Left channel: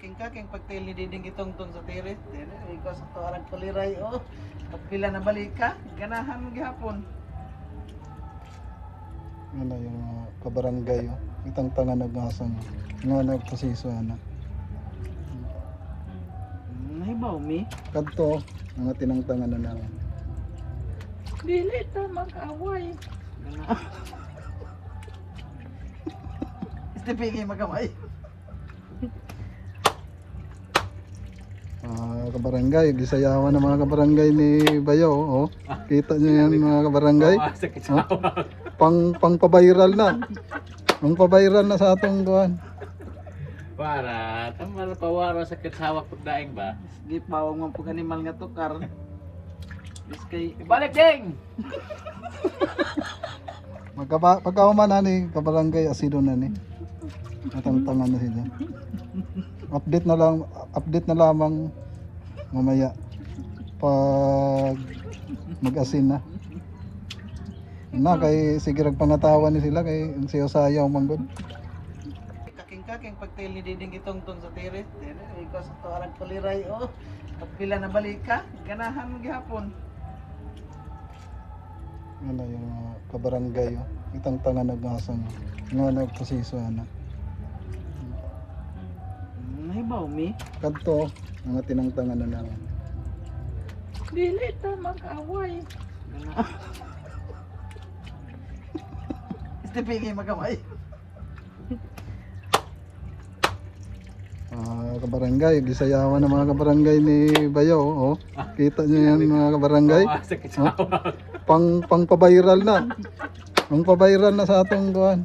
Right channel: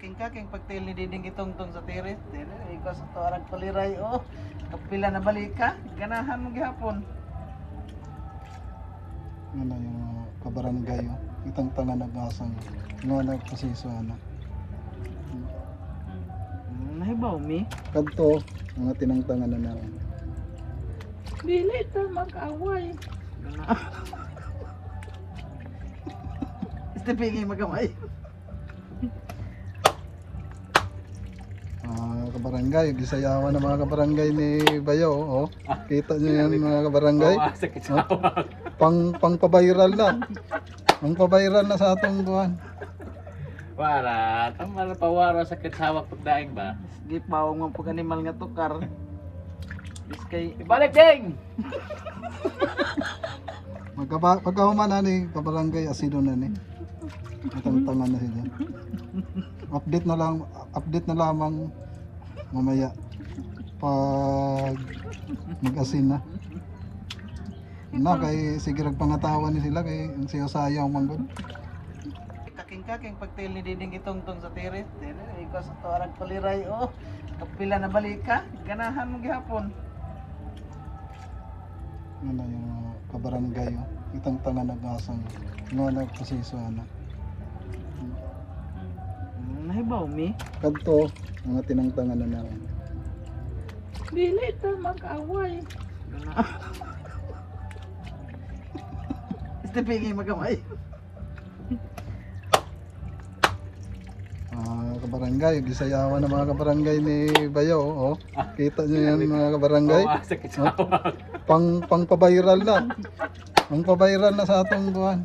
Kaking pagtil ni Diding itong sa tiris. Ikaw sa tuarang paliray. Oh, pagpila na balik ka. Ganahan mo gihapon. Yun na yung kabarangay. Itang tanga nag-asang. Nga nagproseso na. Nahibaw mi? Agto, mga tinangtangan na namin. Dili ito mag-away. Istipili magamay. Kabarangay, gisayawan ng mga kabarangay ni Bayo. Oh. Kita niyo yan mga kabarangay. Pang-paviral na. Pang-paviral na sa atong doon. Para, tama na pawara sa kitsawak pagdaing ba? Sige, pawang mo pag animal nga tukar. Iskay, Ibalik ding! Magkamaman na ni kabarangay asido na ni. Atang-tangan na sila. Update na lamang mamaya pag nag-asin na. Kay sige pangatawan ni sila kay siyo sayaw manggod. kaking pagtil ni Diding itong sa tiris. Ikaw sa tuarang paliray. Oh, pagpila na balik ka. Ganahan mo gihapon. Yun na yung kabarangay. Itang tanga nag-asang. Nga nagproseso na. Nahibaw mi? Agto, mga tinangtangan na namin. Dili ito mag-away. Istipili magamay. Kabarangay, gisayawan ng mga kabarangay ni Bayo. Oh. Kita niyo yan mga kabarangay. Pang-paviral na. Pang-paviral na sa atong doon.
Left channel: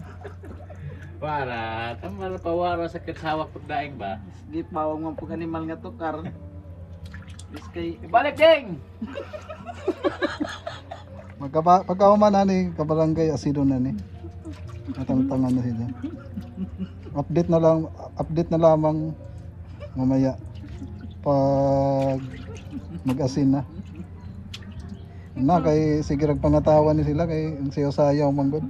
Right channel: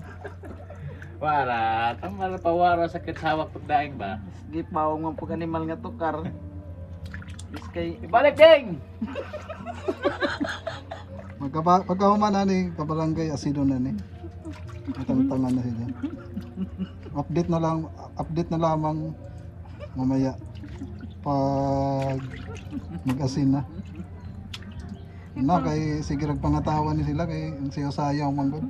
Para, tama na pawara sa kitsawak pagdaing ba? Sige, pawang mo pag animal nga tukar. Iskay, Ibalik ding! Magkamaman na ni kabarangay asido na ni. Atang-tangan na sila. Update na lamang mamaya pag nag-asin na. Kay sige pangatawan ni sila kay siyo sayaw manggod.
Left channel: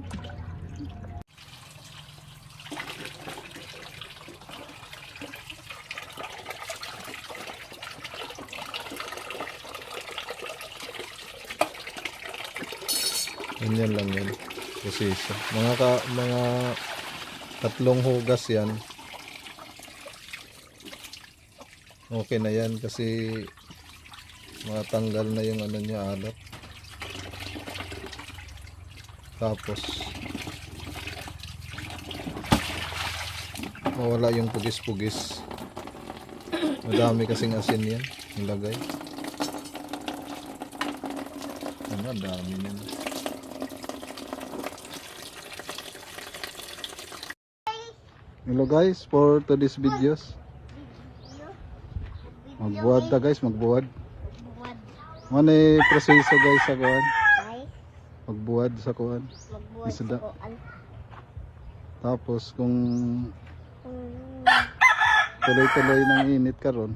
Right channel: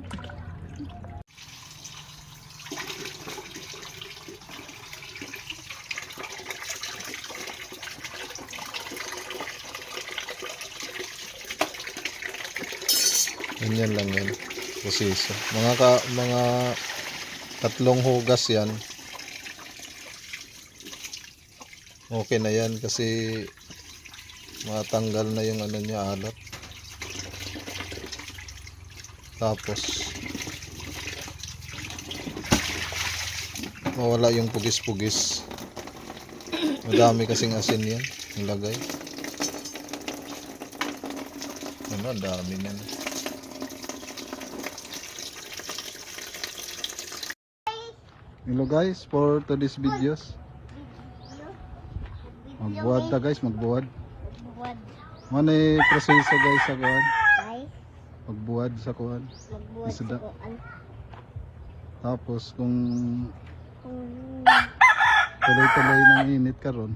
Ganyan lang yan. Proseso. Mga tatlong hugas yan. Okay na yan kasi matanggal na yung ano niya alat. Tapos mawala yung pugis-pugis. Madami kasing asin yan nilagay. Ano, dami yan. Hello guys, for today's videos. Magbuwad ta guys, magbuwad. Ano yung proseso guys sa kuwan? Magbuwad sa kuwan. Isuda. Tapos kung tuloy-tuloy ng init karon,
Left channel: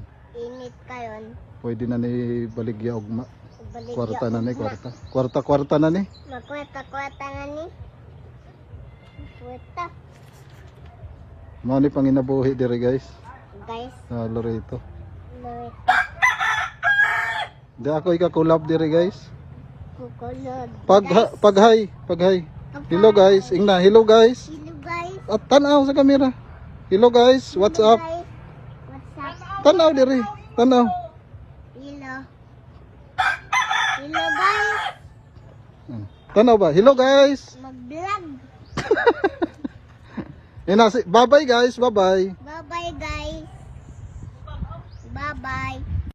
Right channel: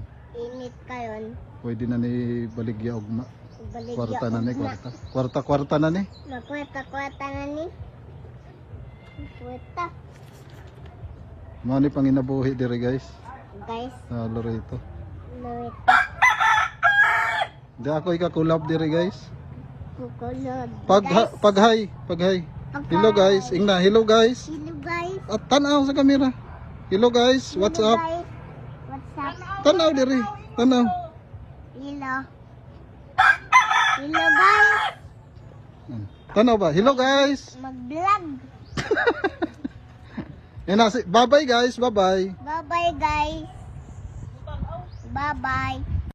pwede na ni baligya ugma. Kwarta na ni kwarta. Kwarta na ni. Magkwarta na ni. Kwarta. Mga ni panginabuhi dire guys. Guys, Sa Loreto. Loretta. Di ako ikakulab dire guys. Kukulog. Paghay. Hello guys, ingna. Hello guys. Hello guys. At tanaw sa kamera. Hello guys, what's Hello, up? guys. What's up? Tanaw dire. Tanaw. Hello. Hello guys. Tanaw ba? Hello guys. Mag-vlog. Bye bye guys. Bye bye. Bye bye guys. Bye bye.